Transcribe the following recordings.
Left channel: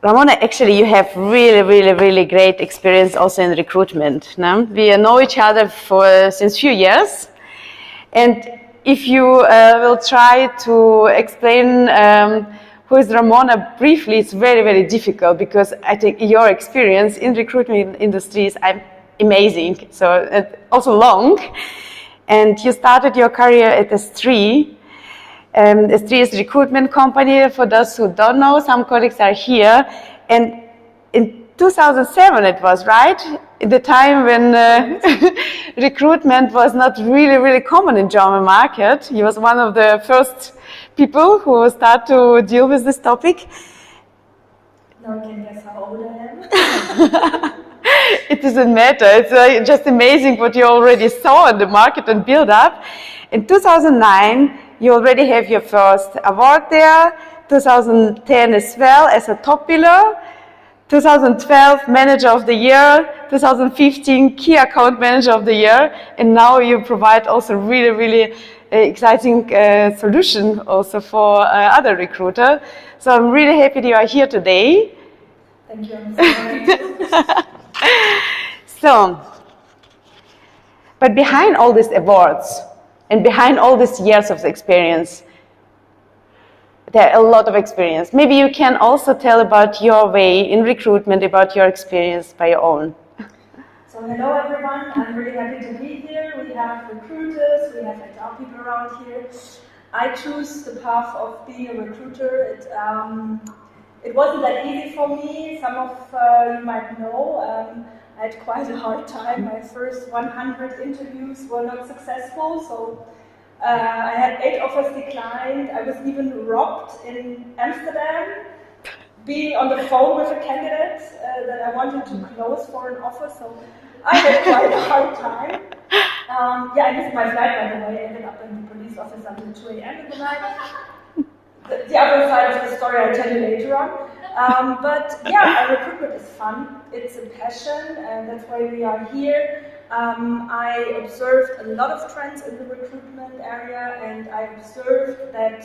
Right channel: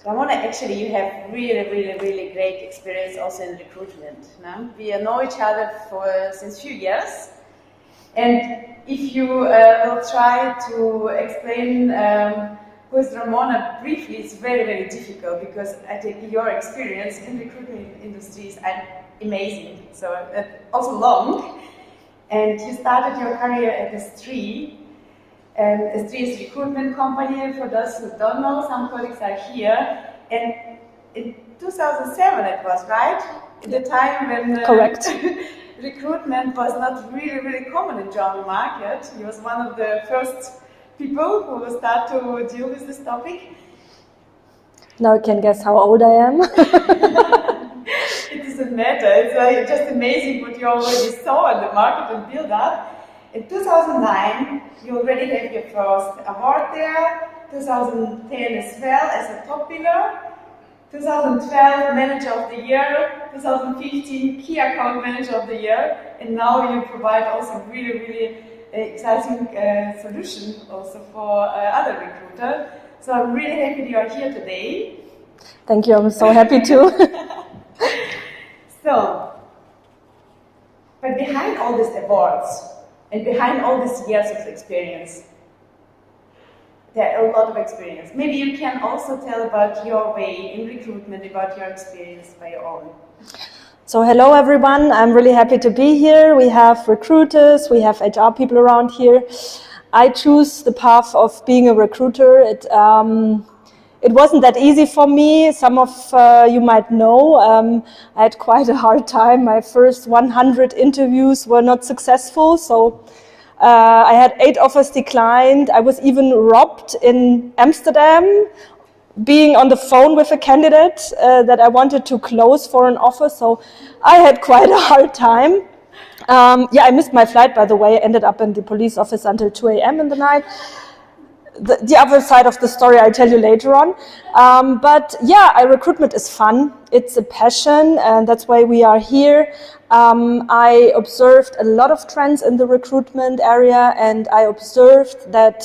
Ramona, actually, you have really great experience also in recruitment. No? We know each other since few years, and if you will try to explain who is Ramona briefly, it's very difficult because I think your experience in recruitment industry is amazing. So also long, and you started your career at S3. S3 is a recruitment company. For those who don't know, some colleagues are here. And in 2007 it was, right? At the time when recruitment was not really common in German market. He was one of the first people who start to deal with this topic. Now you can guess how old I am. It doesn't matter. It's just amazing what you already saw in the market and build up. In 2009, you already have your first award there, 2010 as well as a top biller, 2012 Manager of the Year, 2015 Key Account Manager of the Year, and now you provide also really exciting solution also for other recruiters. So I'm really happy that you are here today. Thank you, I'm so happy too. But behind all these awards, and behind all these years of experience, there are a lot of experience. Maybe you can also tell about your way in recruitment, about your experience by your own. So hello everyone, I'm really happy to be here. We have recruiters, we have HR people around here. I choose the path of being a recruiter. It wasn't that easy for me. Some of you might know. I had quite a hard time. My first 100 interviews were not successful, so I had 8 offers declined. I was even robbed in Amsterdam, being on the phone with a candidate that I wanted to close for an offer, so I had quite a hard time. I missed my flight, by the way. I ended up in the police office until 2 a.m. in the night. The other side of the story I'll tell you later on. Recruitment is fun. It's a passion, and that's why we are here. I observed a lot of trends in the recruitment area, and I observed that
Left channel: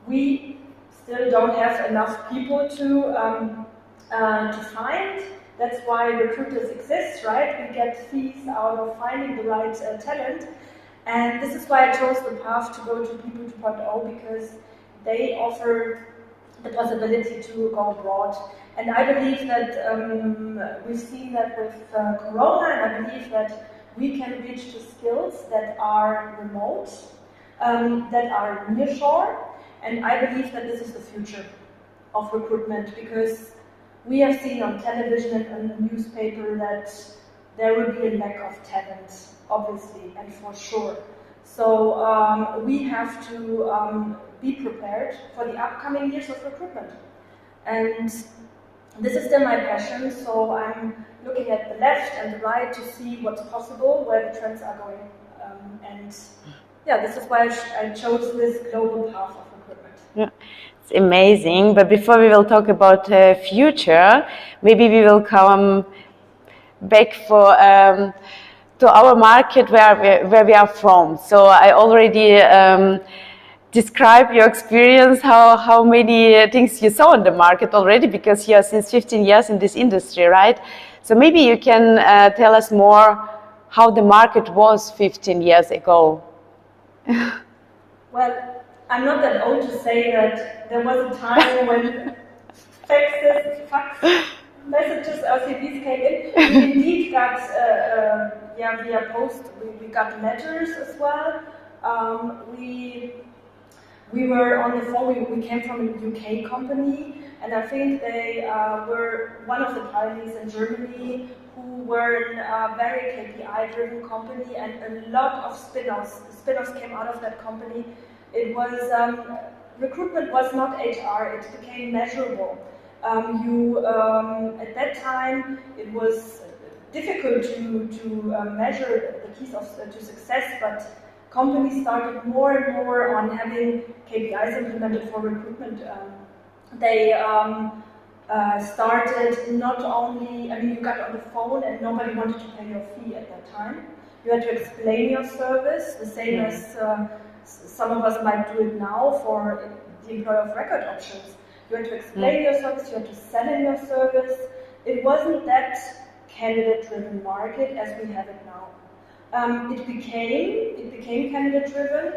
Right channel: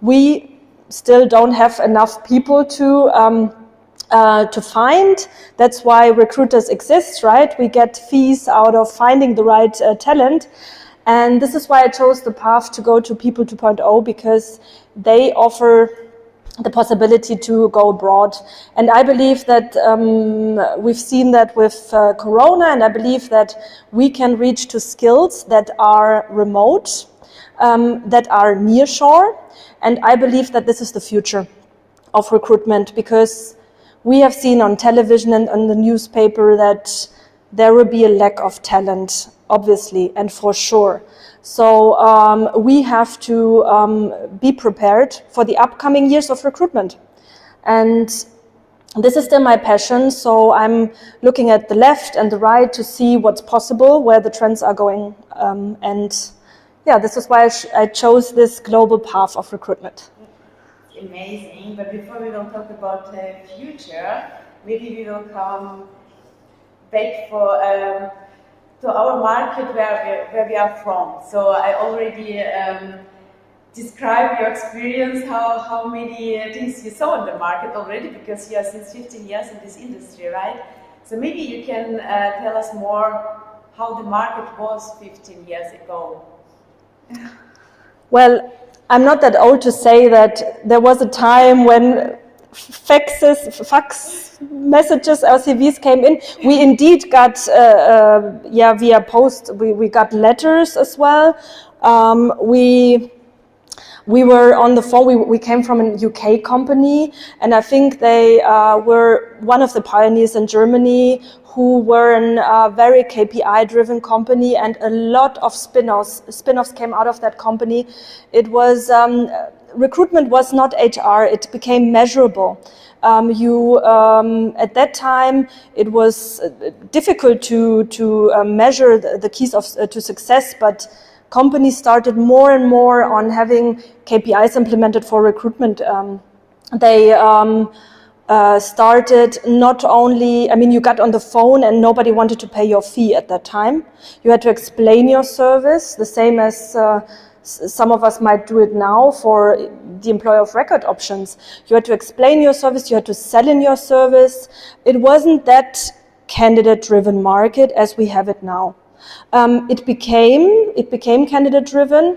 we still don't have enough people to find. That's why recruiters exist, right? We get fees out of finding the right talent. And this is why I chose the path to go to People 2.0, because they offer the possibility to go abroad. And I believe that we've seen that with Corona, and I believe that we can reach to skills that are remote, that are nearshore. And I believe that this is the future of recruitment, because we have seen on television and on the newspaper that there will be a lack of talent, obviously, and for sure. So we have to be prepared for the upcoming years of recruitment. And this is still my passion, so I'm looking at the left and the right to see what's possible, where the trends are going. This is why I chose this global path of recruitment. Yeah. It's amazing, but before we will talk about the future, maybe we will come back to our market where we are from. So I already described your experience, how many things you saw in the market already, because you are since 15 years in this industry, right? So maybe you can tell us more how the market was 15 years ago. Well, I'm not that old to say that there was a time when fax messages, LCVs came in. We indeed got, via post, we got letters as well. We were on the phone. We came from a UK company, and I think they were one of the pioneers in Germany who were a very KPI-driven company, and a lot of spin-offs came out of that company. It was recruitment was not HR; it became measurable. At that time, it was difficult to measure the keys to success, but companies started more and more on having KPIs implemented for recruitment. They started not only, you got on the phone and nobody wanted to pay your fee at that time. You had to explain your service, the same as some of us might do it now for the employer of record options. You had to explain your service, you had to sell in your service. It wasn't that candidate-driven market as we have it now. It became candidate-driven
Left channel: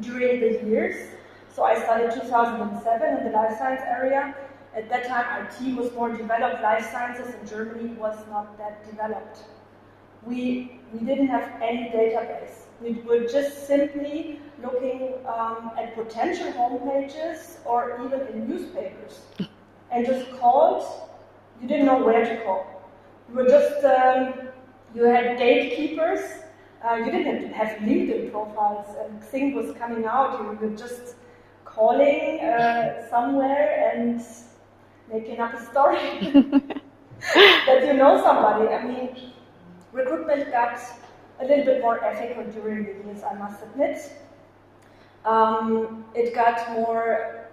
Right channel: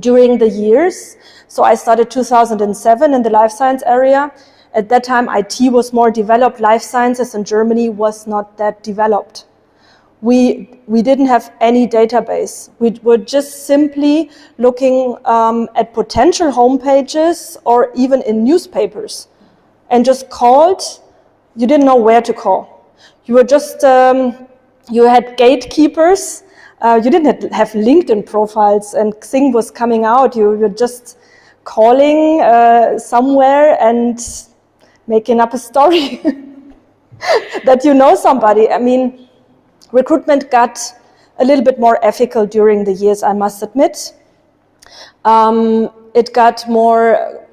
during the years. So I started 2007 in the life science area. At that time, IT was more developed. Life sciences in Germany was not that developed. We didn't have any database. We were just simply looking at potential homepages or even in newspapers and just called. You didn't know where to call. You were just, you had gatekeepers. You didn't have LinkedIn profiles and Xing was coming out. You were just calling somewhere and making up a story that you know somebody. I mean, recruitment got a little bit more ethical during the years, I must admit. It got more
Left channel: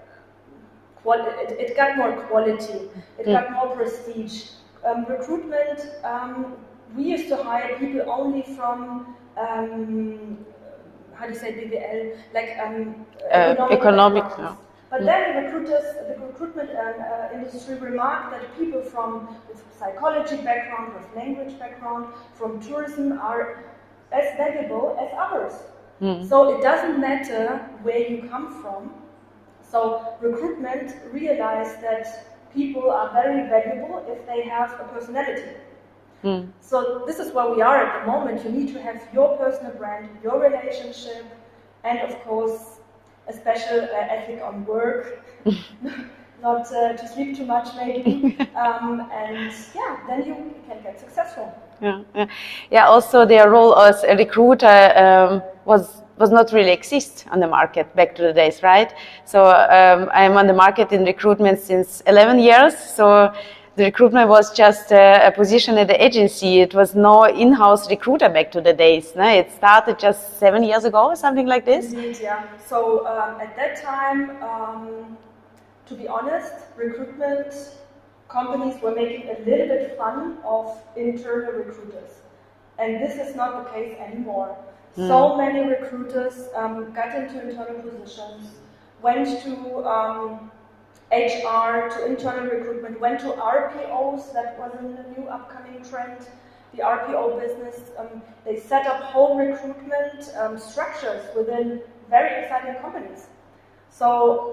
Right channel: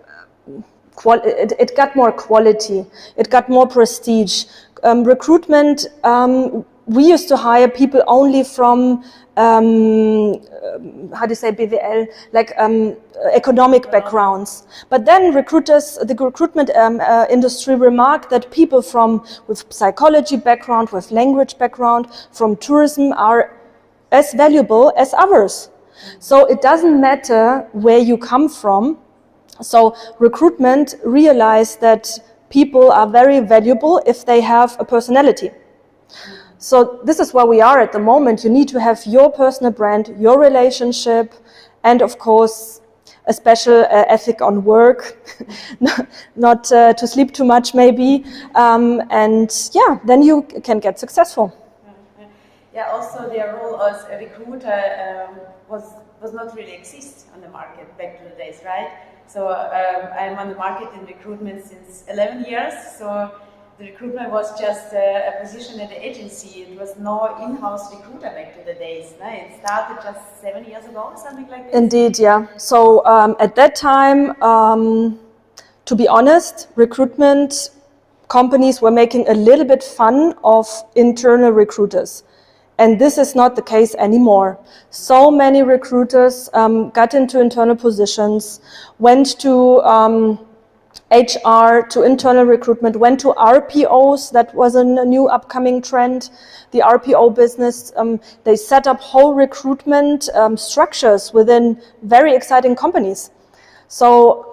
quality. It got more prestige. Recruitment, we used to hire people only from how do you say BWL, like economic backgrounds. But then the recruitment industry remarked that people with psychology background, with language background, from tourism are as valuable as others. So it doesn't matter where you come from. So recruitment realized that people are very valuable if they have a personality. So this is where we are at the moment. You need to have your personal brand, your relationship, and of course, a special ethic on work, not to sleep too much maybe, and yeah, then you can get successful. Yeah. Also, their role as a recruiter was not really exist on the market back to the days, right? So I'm on the market in recruitment since 11 years. So the recruitment was just a position at the agency. It was no in-house recruiter back to the days. No? It started just 7 years ago or something like this. Indeed, yeah. So at that time, to be honest, recruitment companies were making a little bit fun of internal recruiters. And this is not the case anymore. So many recruiters got into internal positions, went to HR, to internal recruitment, went to RPOs. That was a new upcoming trend, the RPO business. They set up whole recruitment structures within very exciting companies. So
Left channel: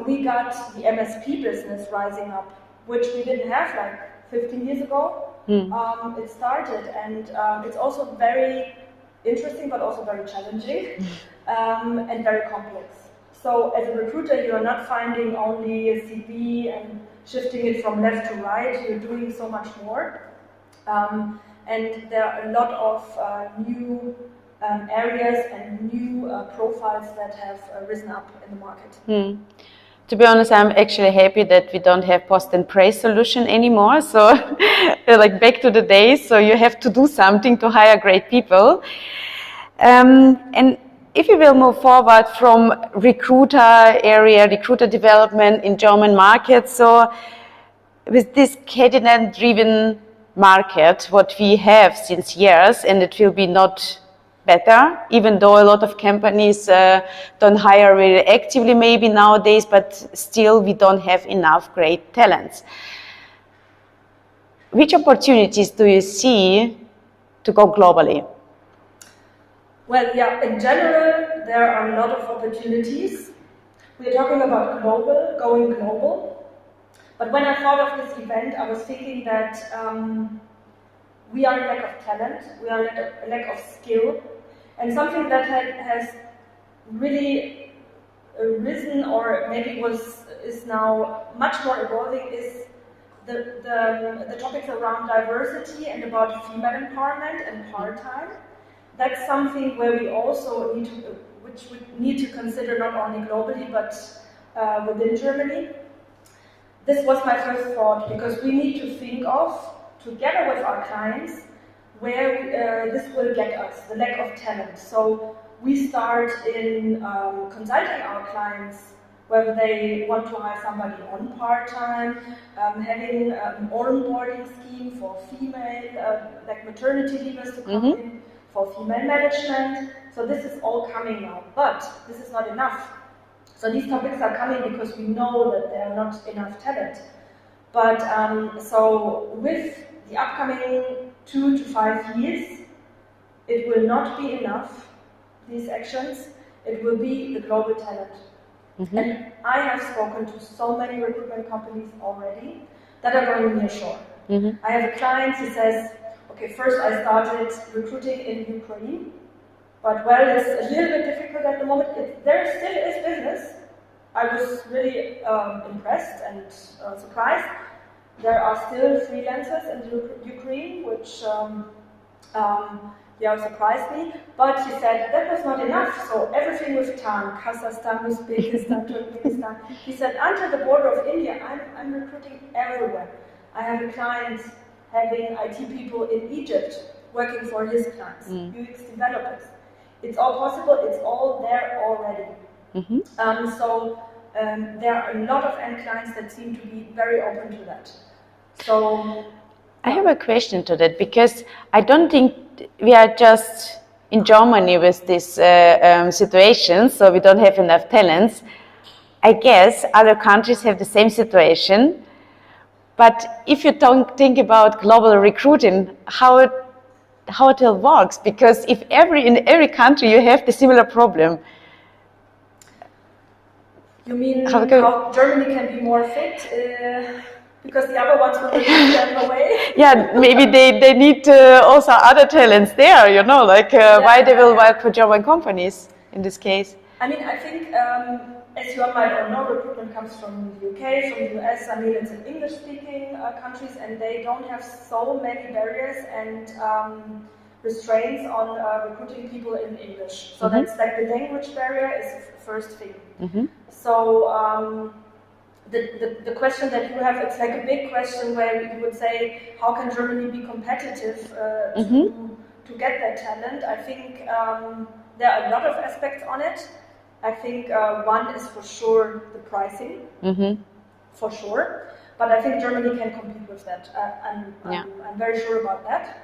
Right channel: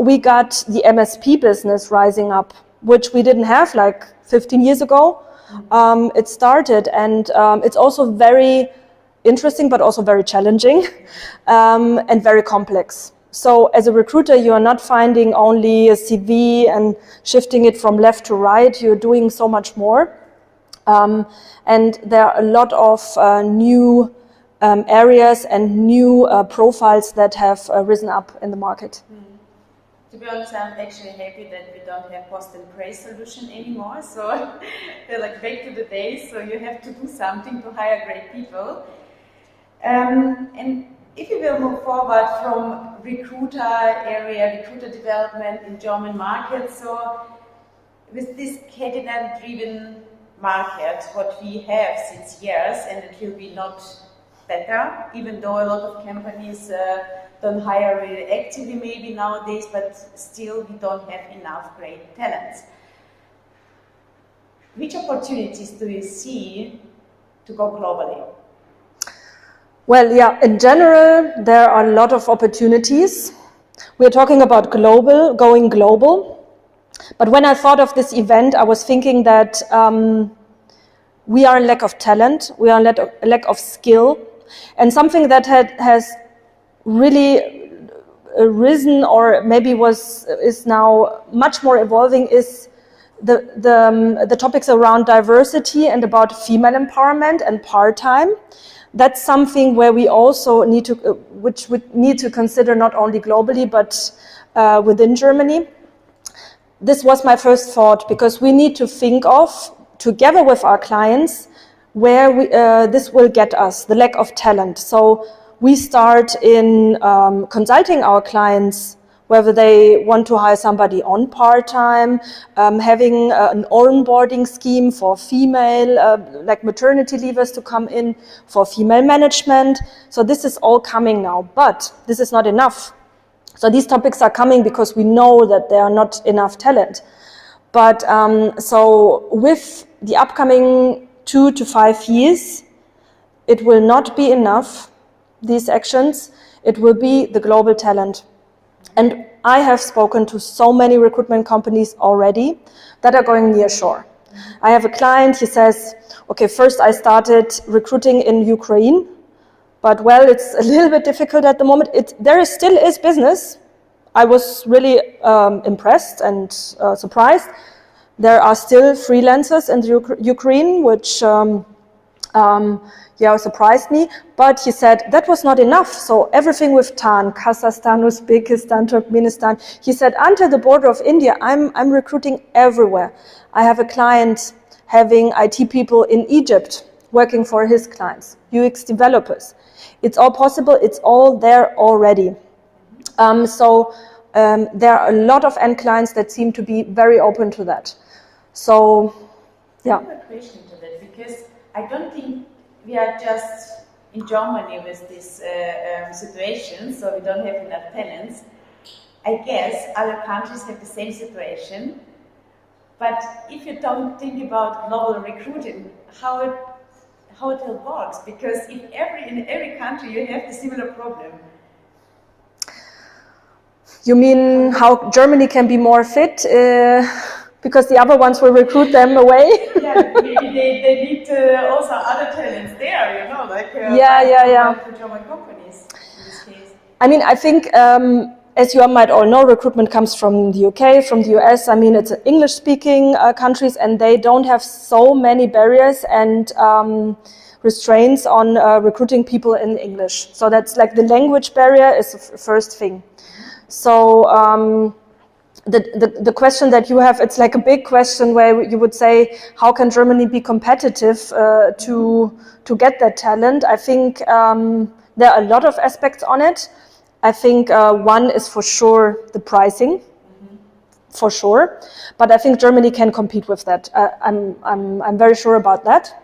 we got the MSP business rising up, which we didn't have like 15 years ago. It started, and it's also very interesting, but also very challenging and very complex. So as a recruiter, you are not finding only a CV and shifting it from left to right. You're doing so much more. And there are a lot of new areas and new profiles that have risen up in the market. To be honest, I'm actually happy that we don't have post and praise solution anymore. So like back to the days, so you have to do something to hire great people. And if you will move forward from recruiter development in German market, so with this candidate-driven market, what we have since years, and it will be not better, even though a lot of companies don't hire really actively maybe nowadays, but still we don't have enough great talents. Which opportunities do you see to go globally? Well, yeah, in general, there are a lot of opportunities. We're talking about going global. But when I thought of this event, I was thinking that we are in lack of talent, we are in lack of skill. And something that has really risen, or maybe is now much more evolving, is the topics around diversity and about female empowerment and part-time. That's something where we also need to consider not only globally but within Germany. This was my first thought, because we need to think of, together with our clients, where this will get us, the lack of talent. So we start in consulting our clients whether they want to hire somebody on part-time, having an onboarding scheme for female, like maternity leavers to come in, for female management. So this is all coming now, but this is not enough. So these topics are coming because we know that there are not enough talent. But so with the upcoming 2 to 5 years, it will not be enough, these actions. It will be the global talent. And I have spoken to so many recruitment companies already that are going near shore. I have a client, he says, okay, first I started recruiting in Ukraine, but well, it's a little bit difficult at the moment. There still is business. I was really impressed and surprised. There are still freelancers in Ukraine, which surprised me. But he said that was not enough. So everything with TAN, Kazakhstan, Uzbekistan, Turkmenistan. He said until the border of India, I'm recruiting everywhere. I have a client having IT people in Egypt working for his clients, UX developers. It's all possible. It's all there already. There are a lot of end clients that seem to be very open to that. So I have a question to that, because I don't think we are just in Germany with this situation, so we don't have enough talents. I guess other countries have the same situation. But if you don't think about global recruiting, how it all works, because in every country you have the similar problem. You mean how Germany can be more fit? Because the other ones will recruit them away? Yeah, maybe they need also other talents there, you know, like why they will work for German companies in this case. I mean, I think, as you might all know, recruitment comes from the UK, from the US. I mean, it's English-speaking countries, and they don't have so many barriers and restraints on recruiting people in English. So that's like the language barrier is the first thing. So the question that you have, it's like a big question where you would say, how can Germany be competitive to get that talent? I think there are a lot of aspects on it. I think one is for sure the pricing, for sure. But I think Germany can compete with that. I'm very sure about that.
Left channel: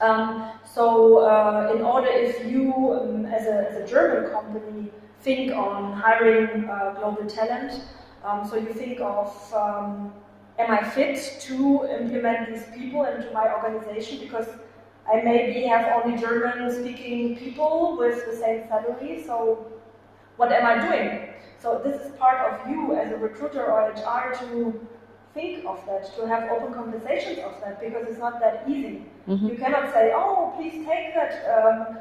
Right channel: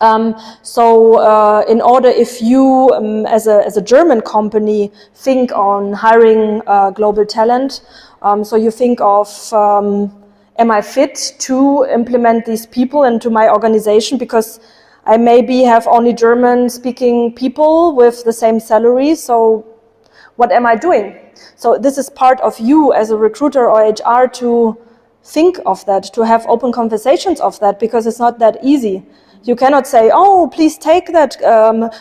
In order, if you as a German company think on hiring global talent, so you think of, am I fit to implement these people into my organization? Because I maybe have only German-speaking people with the same salary, so what am I doing? So this is part of you as a recruiter or HR to think of that, to have open conversations of that, because it's not that easy. You cannot say, oh, please take that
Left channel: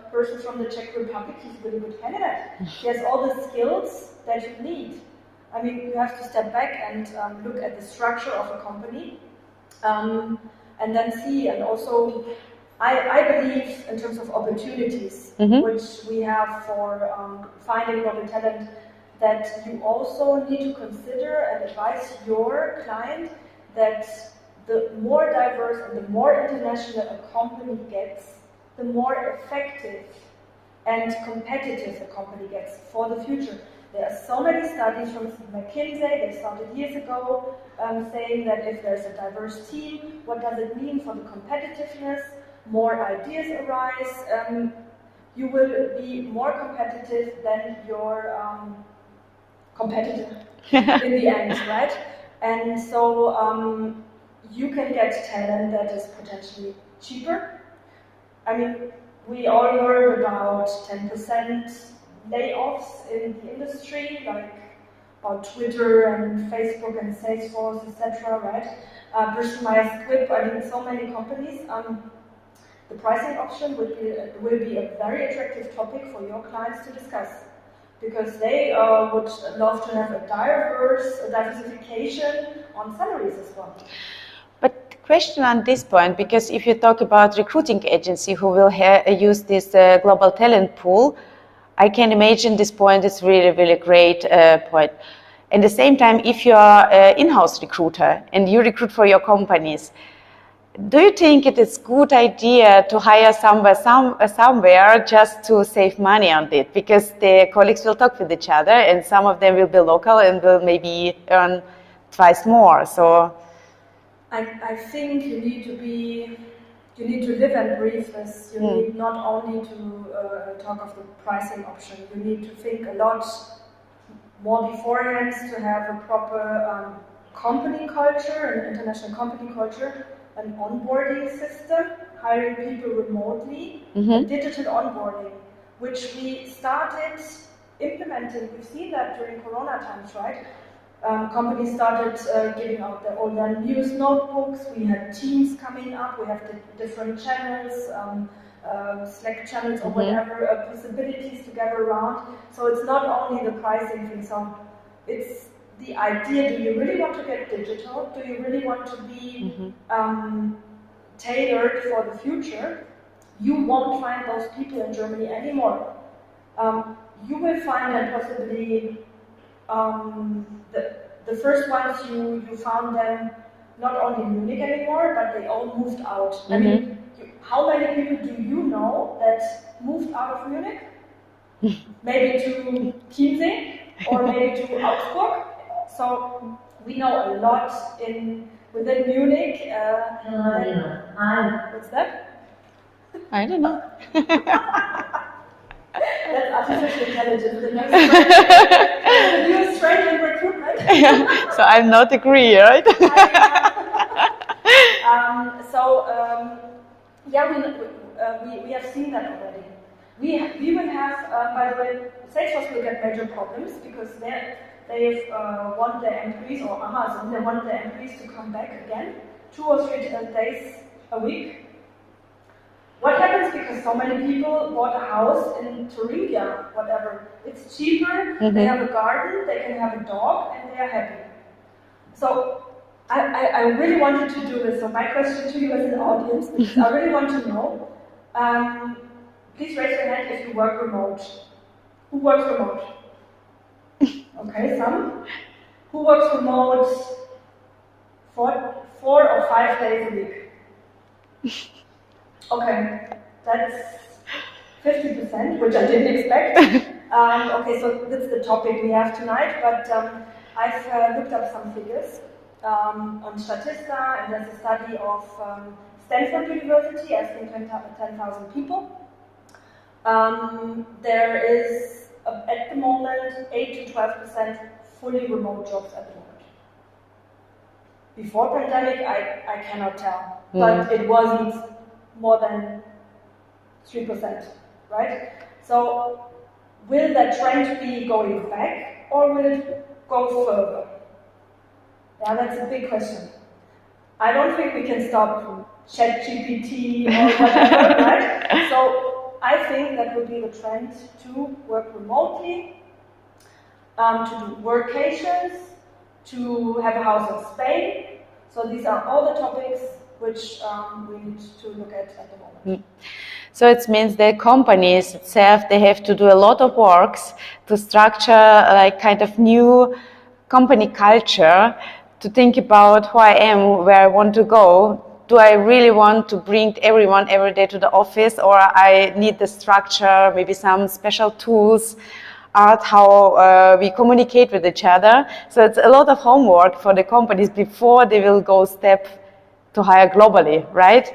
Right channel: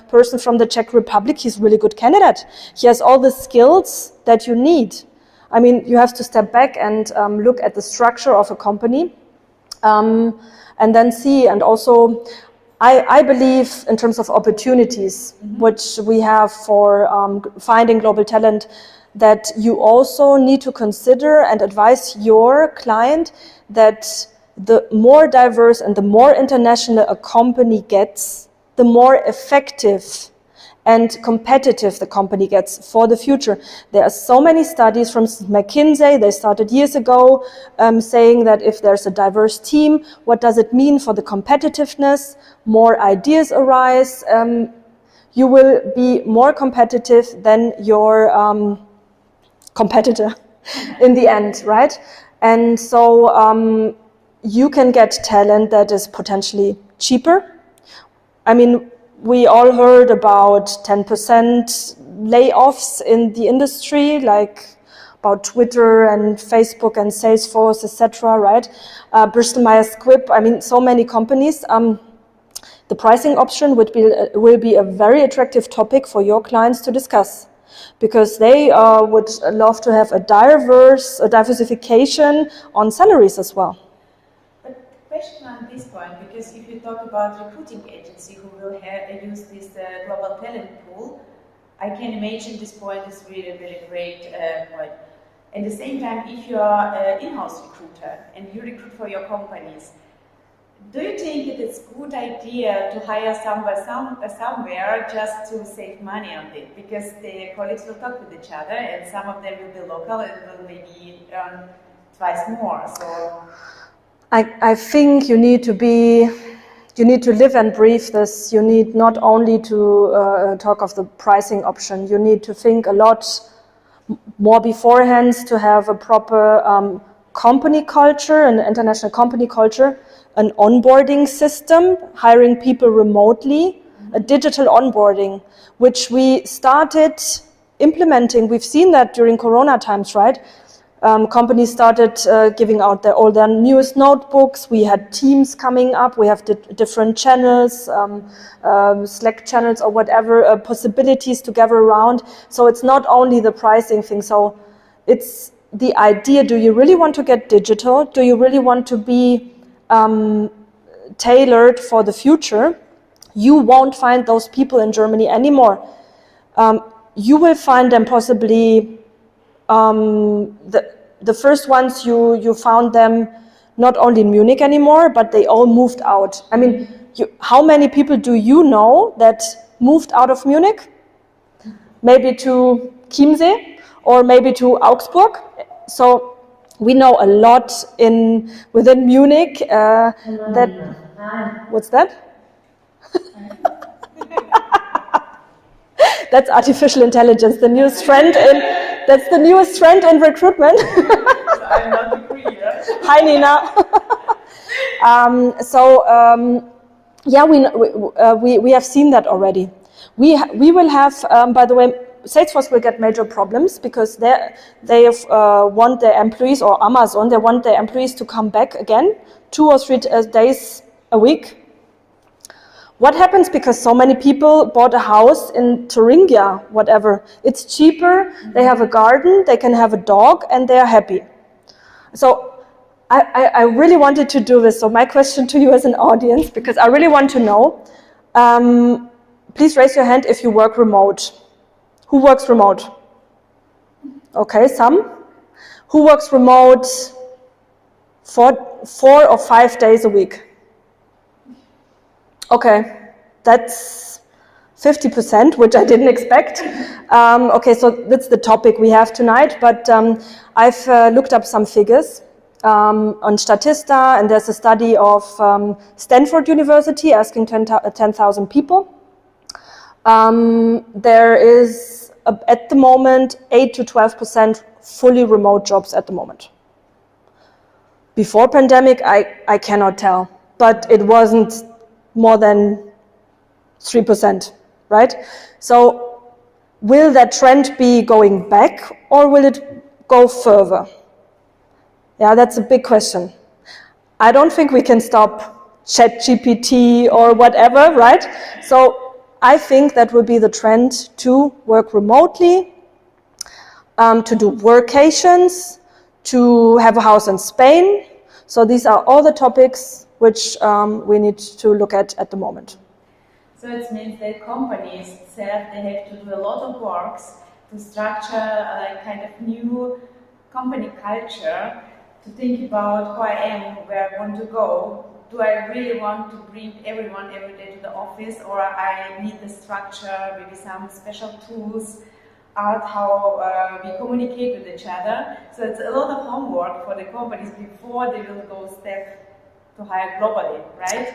person from the Czech Republic, he's a really good candidate. He has all the skills that you need. I mean, you have to step back and look at the structure of a company and then see. And also, I believe in terms of opportunities, which we have for finding global talent, that you also need to consider and advise your client that the more diverse and the more international a company gets, the more effective and competitive the company gets for the future. There are so many studies from McKinsey, they started years ago, saying that if there's a diverse team, what does it mean for the competitiveness? More ideas arise, you will be more competitive than your competitor in the end, right? And so you can get talent that is potentially cheaper. I mean, we all heard about 10% layoffs in the industry, like about Twitter and Facebook and Salesforce, etc., right? Bristol Myers Squibb, I mean, so many companies. The pricing option will be a very attractive topic for your clients to discuss, because they would love to have a diversification on salaries as well. But question on this point, because if you talk about recruiting agency who will use this global talent pool, I can imagine this point is really, really great point. At the same time, if you are an in-house recruiter and you recruit for your companies, do you think it is a good idea to hire somewhere just to save money on it? Because the colleagues will talk with each other, and some of them will be local and will maybe earn twice more. So I think you need to live and breathe this. You need not only to talk of the pricing option, you need to think a lot more beforehand to have a proper company culture, an international company culture, an onboarding system, hiring people remotely, a digital onboarding, which we started implementing. We've seen that during Corona times, right? Companies started giving out all their newest notebooks. We had teams coming up. We have different channels, Slack channels or whatever, possibilities to gather around. So it's not only the pricing thing. So it's the idea, do you really want to get digital? Do you really want to be tailored for the future? You won't find those people in Germany anymore. You will find them possibly the first ones you found them not only in Munich anymore, but they all moved out. I mean, how many people do you know that moved out of Munich? Maybe to Chiemsee or maybe to Augsburg. So we know a lot within Munich that. What's that? I don't know. That's artificial intelligence, the newest trend. That's the newest trend in recruitment. So I'm not agree, right? Hi, Nina. We have seen that already. We will have, by the way, Salesforce will get major problems because they want their employees, or Amazon, they want their employees to come back again 2 or 3 days a week. What happens because so many people bought a house in Thuringia, whatever? It's cheaper, they have a garden, they can have a dog, and they are happy. So I really wanted to do this. So my question to you as an audience, because I really want to know, please raise your hand if you work remote. Who works remote? Okay, some. Who works remote 4 or 5 days a week? Okay, that's 50%, which I didn't expect. Okay, so that's the topic we have tonight, but I've looked up some figures on Statista, and there's a study of Stanford University asking 10,000 people. There is, at the moment, 8 to 12% fully remote jobs at the moment. Before pandemic, I cannot tell, but it wasn't more than 3%, right? So will that trend be going back or will it go further? Yeah, that's a big question. I don't think we can stop ChatGPT or whatever, right? So I think that will be the trend to work remotely, to do workations, to have a house in Spain. So these are all the topics which we need to look at the moment. So it means that companies itself, they have to do a lot of works to structure like kind of new company culture, to think about who I am, where I want to go. Do I really want to bring everyone every day to the office, or I need the structure, maybe some special tools, art, how we communicate with each other. So it's a lot of homework for the companies before they will go step to hire globally, right?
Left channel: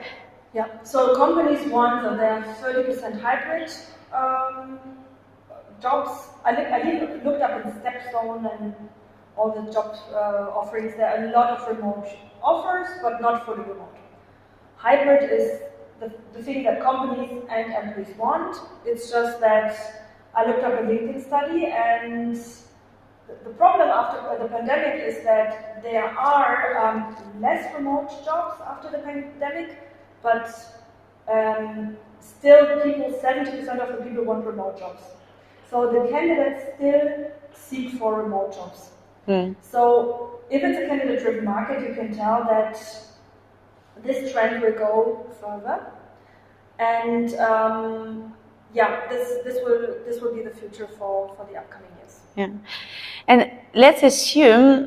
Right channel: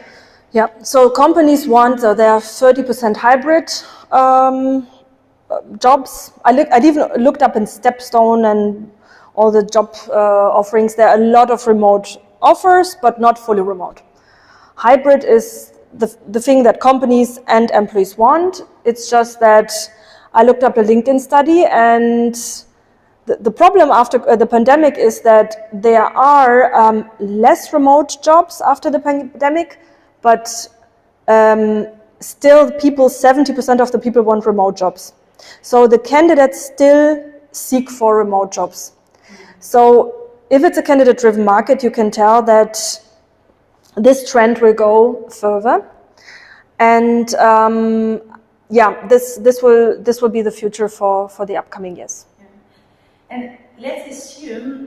Yeah, so companies want, there are 30% hybrid jobs. I even looked up in Stepstone and all the job offerings. There are a lot of remote offers, but not fully remote. Hybrid is the thing that companies and employees want. It's just that I looked up a LinkedIn study, and the problem after the pandemic is that there are less remote jobs after the pandemic, but still 70% of the people want remote jobs. So the candidates still seek for remote jobs. So if it's a candidate-driven market, you can tell that this trend will go further. And this will be the future for the upcoming years. Yeah. And let's assume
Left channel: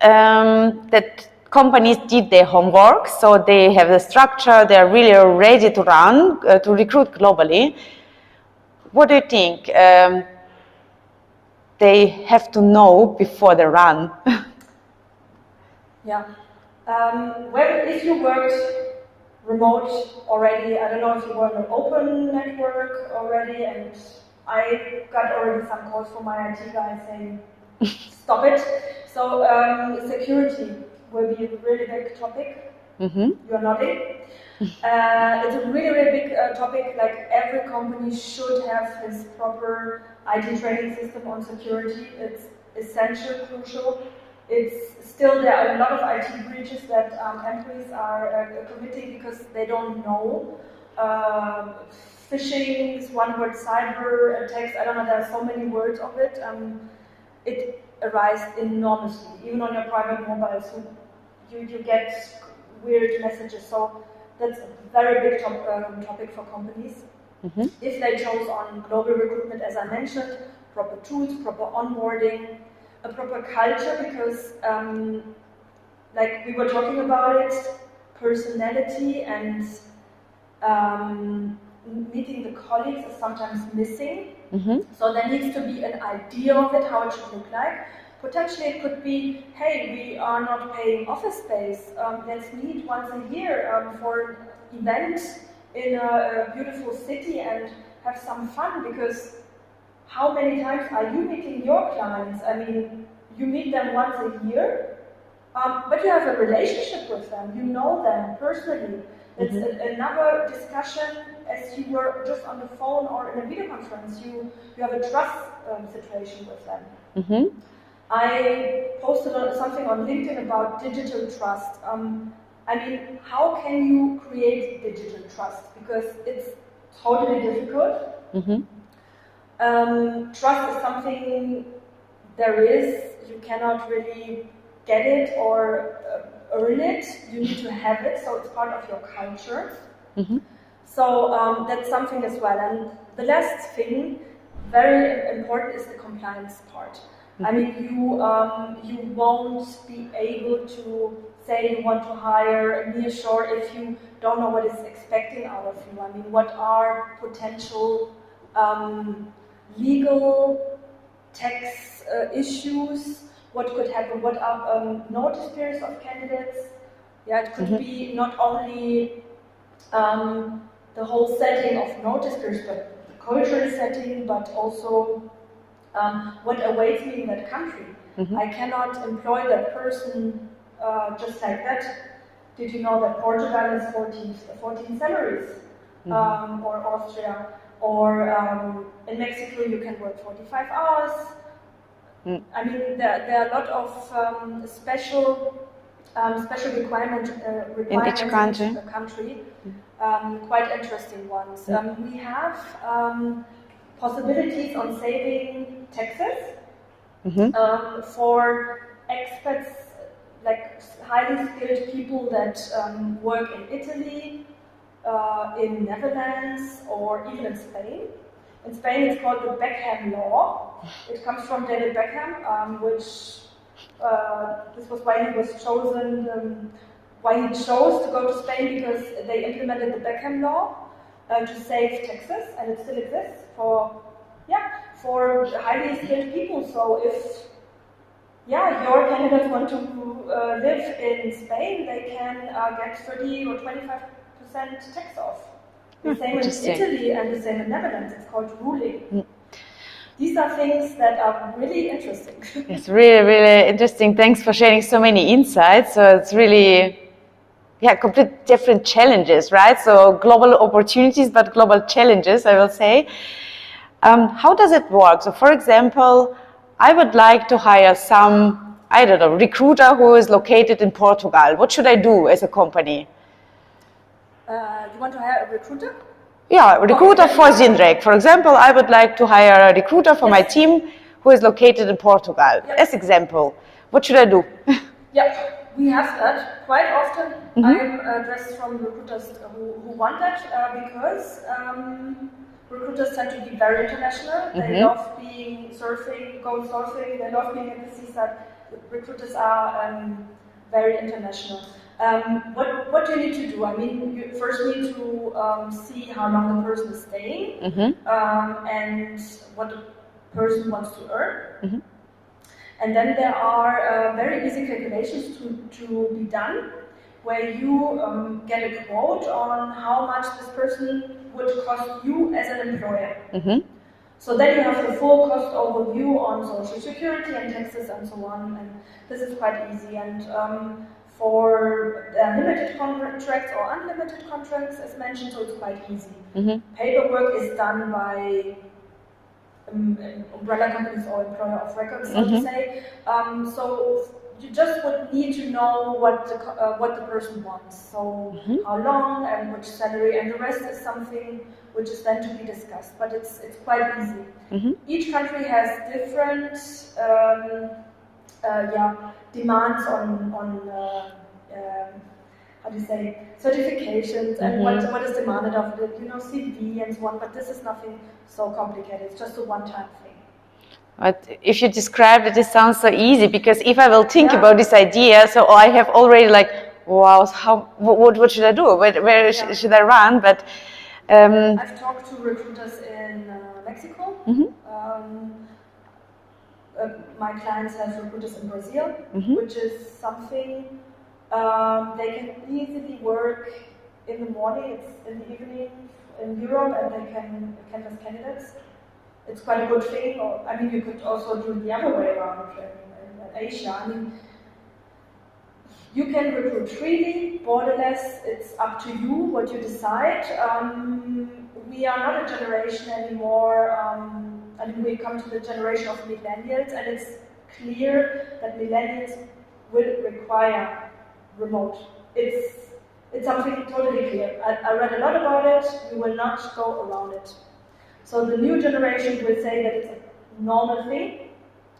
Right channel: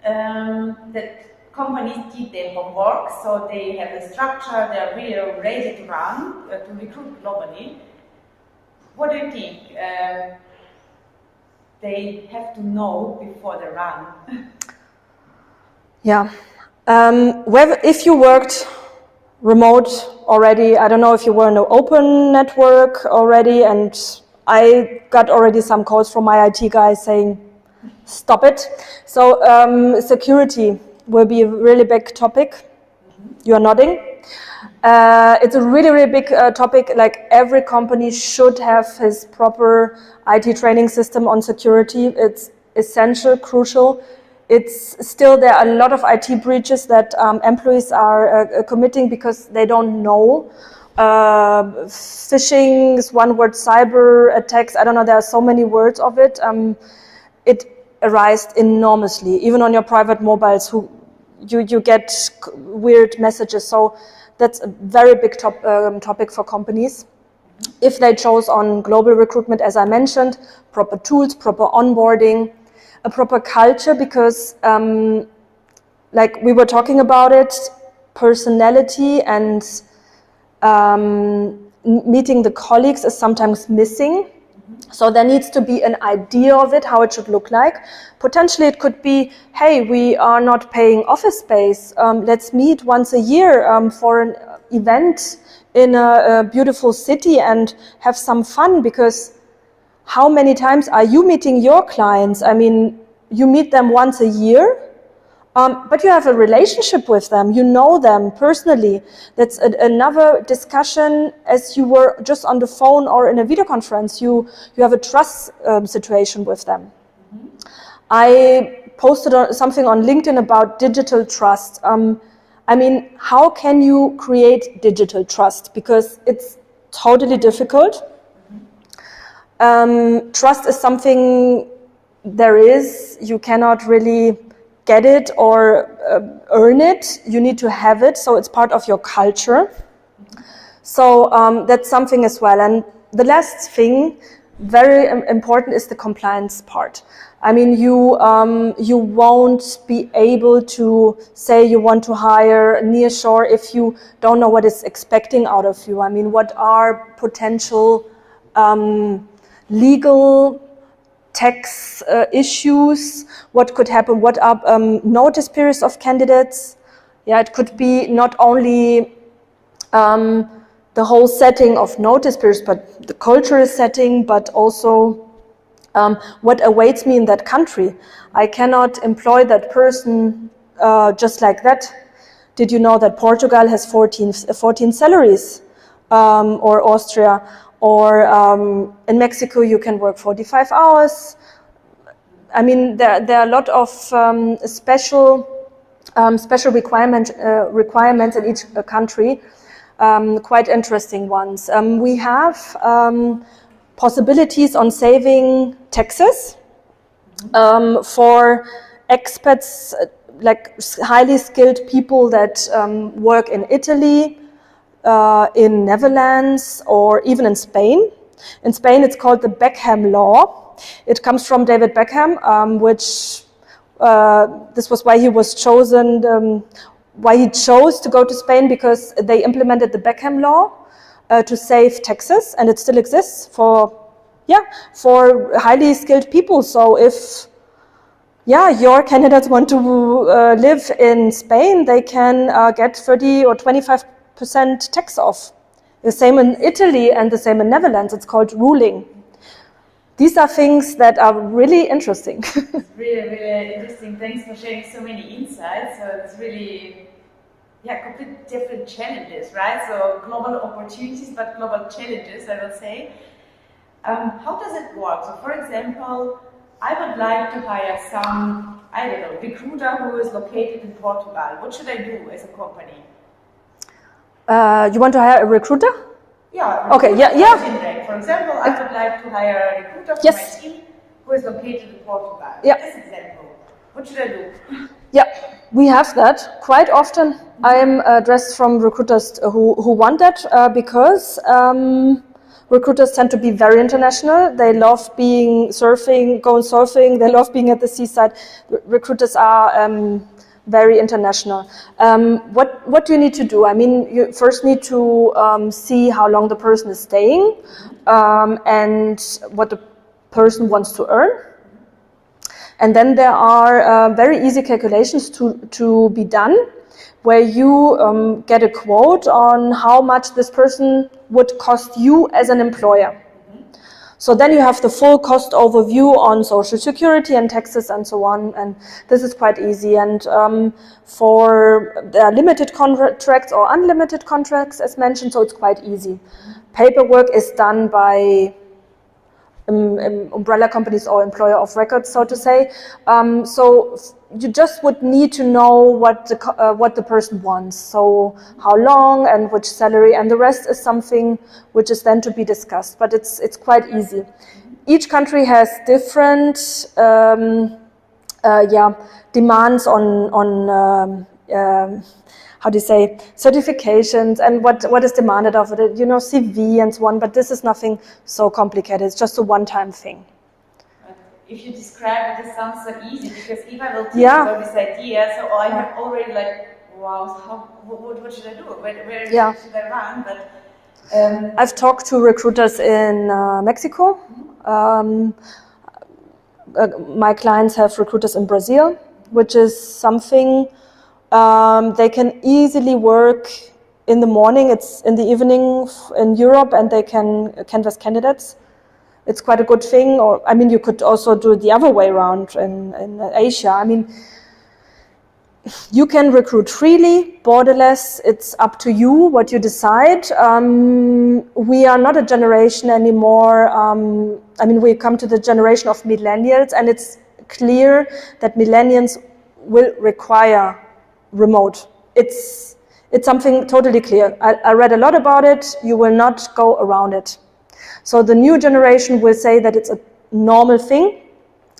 that companies did their homework, so they have the structure, they're really ready to run, to recruit globally. What do you think they have to know before they run? Yeah. If you worked remote already, I don't know if you were in an open network already, and I got already some calls from my IT guys saying, stop it. So security will be a really big topic. You are nodding. It's a really, really big topic. Like every company should have his proper IT training system on security. It's essential, crucial. It's still, there are a lot of IT breaches that employees are committing because they don't know. Phishing is one word, cyber attacks, I don't know, there are so many words of it. It arises enormously, even on your private mobiles, you get weird messages. So that's a very big topic for companies. If they chose on global recruitment, as I mentioned, proper tools, proper onboarding, a proper culture, because like we were talking about it, personality and meeting the colleagues is sometimes missing. So there needs to be an idea of it, how it should look like. Potentially it could be, hey, we are not paying office space. Let's meet once a year for an event in a beautiful city and have some fun, because how many times are you meeting your clients? I mean, you meet them once a year, but you have a relationship with them, you know them personally. That's another discussion as you were just on the phone or in a video conference. You have a trust situation with them. I posted something on LinkedIn about digital trust. I mean, how can you create digital trust? Because it's totally difficult. Trust is something you cannot really get it or earn it. You need to have it, so it's part of your culture. So that's something as well. And the last thing, very important, is the compliance part. I mean, you won't be able to say you want to hire nearshore if you don't know what is expecting out of you. I mean, what are potential legal tax issues, what could happen, what are notice periods of candidates. Yeah, it could be not only the whole setting of notice periods, but the cultural setting, but also what awaits me in that country. I cannot employ that person just like that. Did you know that Portugal has 14 salaries, or Austria? Or in Mexico, you can work 45 hours. I mean, there are a lot of special requirements in each country. Quite interesting ones. We have possibilities on saving taxes for expats, like highly skilled people that work in Italy, in Netherlands, or even in Spain. In Spain, it's called the Beckham Law. It comes from David Beckham, which this was why he was chosen, why he chose to go to Spain, because they implemented the Beckham Law to save taxes, and it still exists for highly skilled people. So if your candidates want to live in Spain, they can get 30 or 25% tax off. The same in Italy and the same in Netherlands. It's called ruling. These are things that are really interesting. It's really, really interesting. Thanks for sharing so many insights. So it's really, complete different challenges, right? So global opportunities, but global challenges, I will say. How does it work? So for example, I would like to hire some, recruiter who is located in Portugal. What should I do as a company? You want to hire a recruiter? Yeah, a recruiter for Zinrek. For example, I would like to hire a recruiter for my team who is located in Portugal. As example, what should I do? We have that quite often. I am addressed from recruiters who want that because recruiters tend to be very international. They love going surfing. They love being at the seaside. Recruiters are very international. What do you need to do? I mean, you first need to see how long the person is staying, and what the person wants to earn. And then there are very easy calculations to be done, where you get a quote on how much this person would cost you as an employer. So then you have the full cost overview on social security and taxes and so on, and this is quite easy. And for limited contracts or unlimited contracts, as mentioned, so it's quite easy. Paperwork is done by umbrella companies or employer of record, so to say. So you just would need to know what the person wants. So how long and which salary, and the rest is something which is then to be discussed. But it's quite easy. Each country has different demands on how do you say, certifications and what is demanded of it, you know, CV and so on, but this is nothing so complicated. It's just a one-time thing. But if you describe it, it sounds so easy, because if I will think about this idea, so I have already like, wow, what should I do? Where should I run? But I've talked to recruiters in Mexico. My clients have recruiters in Brazil, which is something they can easily work in the morning. It's in the evening in Europe, and they can canvass candidates. It's quite a good thing. Or I mean, you could also do it the other way around in Asia. I mean, you can recruit freely, borderless. It's up to you what you decide. We are not a generation anymore. I mean, we come to the generation of millennials, and it's clear that millennials will require remote. It's something totally clear. I read a lot about it. You will not go around it. So the new generation will say that it's a normal thing.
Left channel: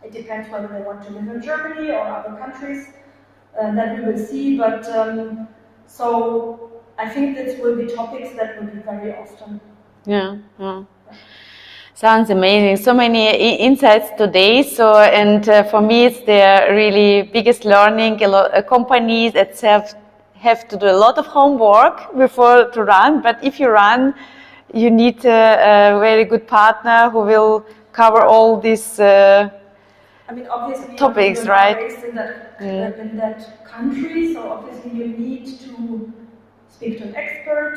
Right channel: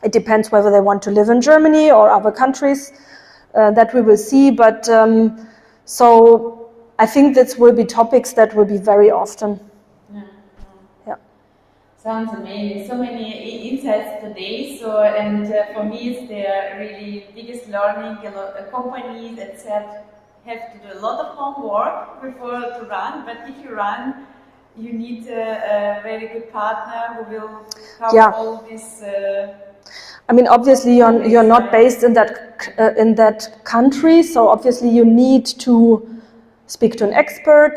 It depends whether they want to live in Germany or other countries. That we will see, but so I think this will be topics that will be very often. Yeah. Sounds amazing. So many insights today. So, and for me, it's the really biggest learning. A lot companies itself have to do a lot of homework before to run. But if you run, you need a very good partner who will cover all these. I mean, obviously, topics, you're not right? based in that country, so obviously you need to speak to an expert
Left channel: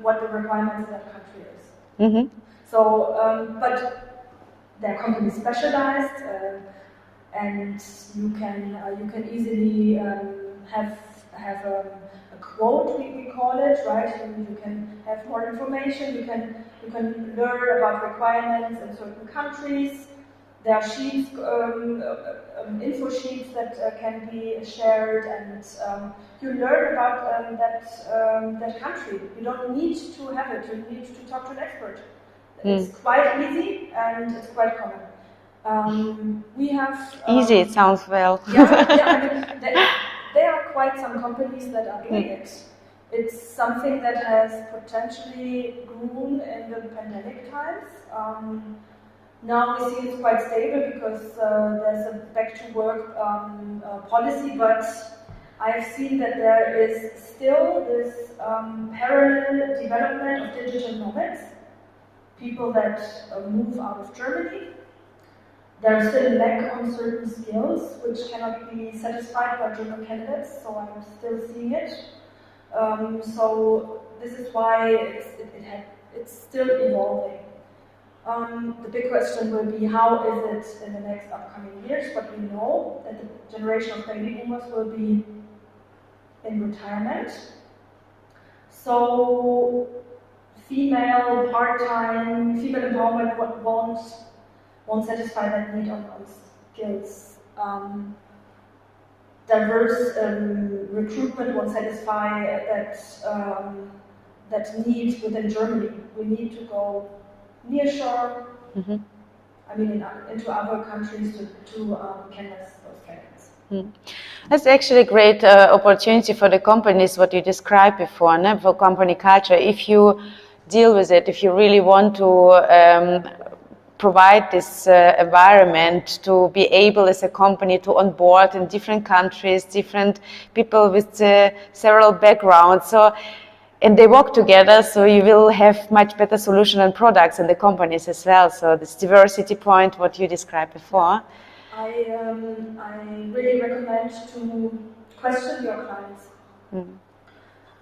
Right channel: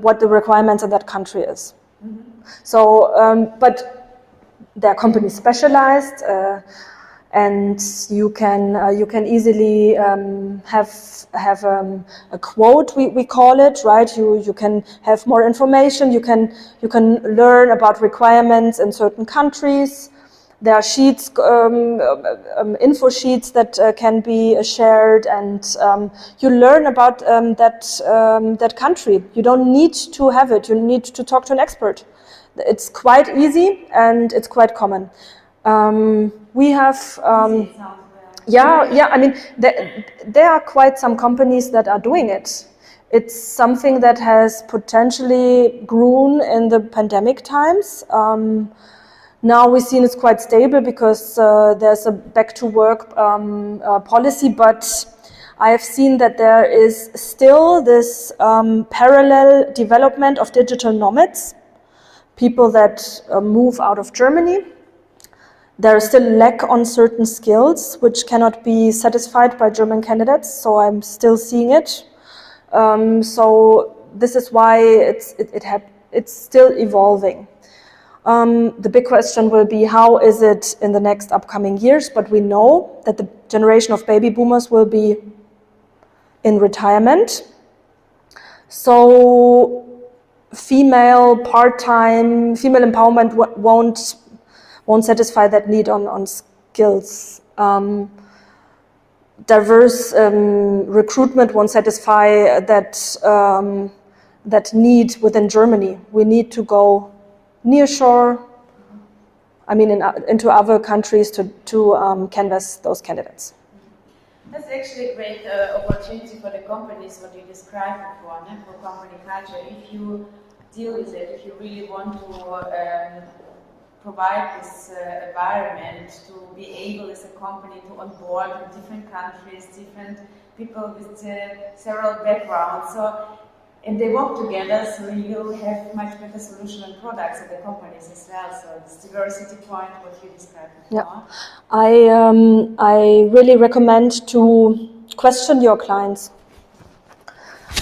what the requirements in that country is. So, but there are companies specialized, and you can easily have a quote, we call it, right? You can have more information. You can learn about requirements in certain countries. There are sheets, info sheets that can be shared, and you learn about that country. You don't need to have it. You need to talk to an expert. It's quite easy, and it's quite common. We have easy. It sounds well. yeah. I mean, there are quite some companies that are doing it. It's something that has potentially grown in the pandemic times. Now we've seen it's quite stable because there's a back-to-work policy, but I have seen that there is still this parallel development of digital nomads, people that move out of Germany. There is still lack on certain skills which cannot be satisfied by German candidates, so I'm still seeing it. So this is why it's still evolving. The big question will be, how is it in the next upcoming years? But we know that the generation of baby boomers will be in retirement. So female part-time, female empowerment won't satisfy that need on skills. Diverse recruitment won't satisfy that need within Germany. We need to go nearshore, I mean, into other countries to canvass those candidates. That's actually a great opportunity for the companies, what you described before, for company culture. If you deal with it, if you really want to provide this environment to be able as a company to onboard in different countries, different people with several backgrounds. So, and they work together, so you will have much better solution and products in the companies as well. So this diversity point, what you described before. Yeah. I really recommend to question your clients.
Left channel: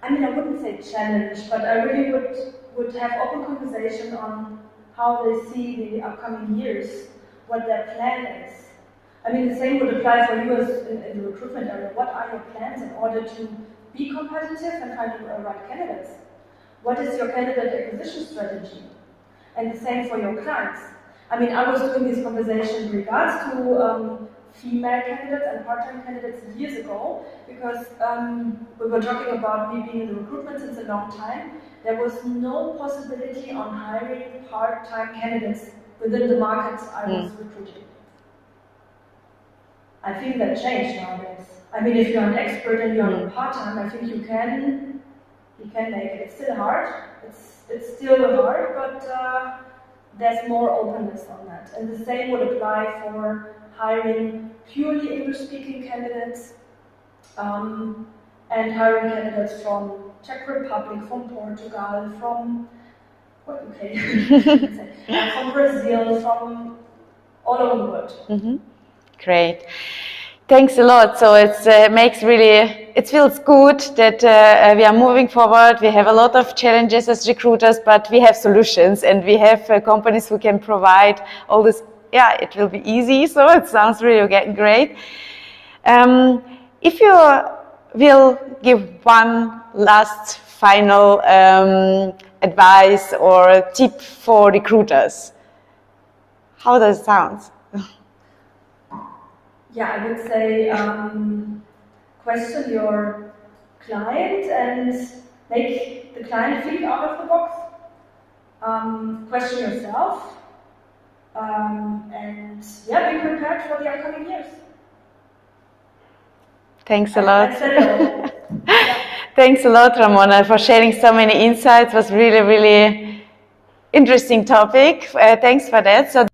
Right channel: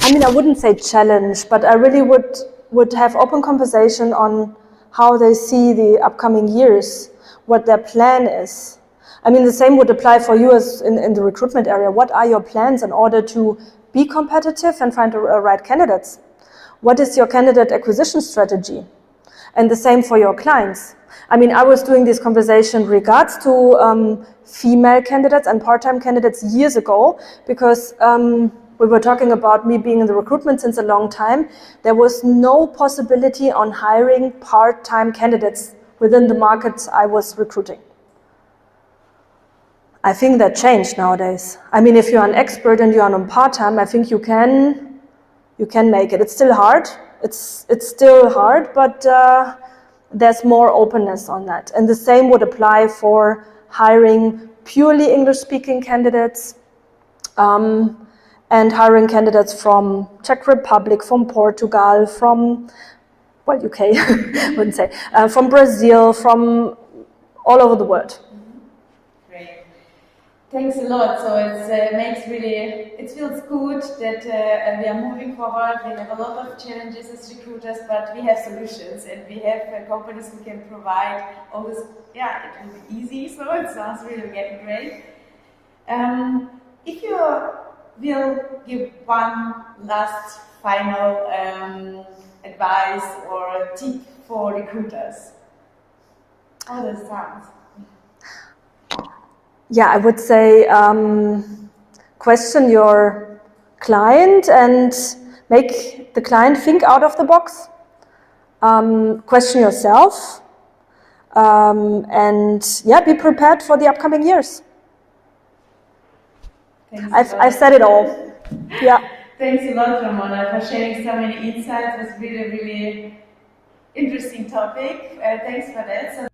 I mean, I wouldn't say challenge, but I really would have open conversation on how they see the upcoming years, what their plan is. I mean, the same would apply for you as in the recruitment area. What are your plans in order to be competitive and find the right candidates? What is your candidate acquisition strategy? And the same for your clients. I mean, I was doing this conversation in regards to female candidates and part-time candidates years ago, because we were talking about me being in the recruitment since a long time. There was no possibility on hiring part-time candidates within the markets I was recruiting. I think that changed nowadays. I mean, if you're an expert and you're on part-time, I think you can make it. It's still hard. It's still hard, but there's more openness on that. And the same would apply for hiring purely English-speaking candidates and hiring candidates from Czech Republic, from Portugal, from, well, UK, I wouldn't say, from Brazil, from all over the world. Mm-hmm. Great. Thanks a lot. So it feels good that we are moving forward. We have a lot of challenges as recruiters, but we have solutions and we have companies who can provide all this. Yeah, it will be easy. So it sounds really great. If you will give one last final advice or tip for recruiters, how does it sound? Yeah, I would say question your client and make the client think out of the box. Question yourself and yeah, be prepared for the upcoming years. Thanks a lot. I've said it all. Yeah. Thanks a lot, Ramona, for sharing so many insights. It was really, really interesting topic. Thanks for that. So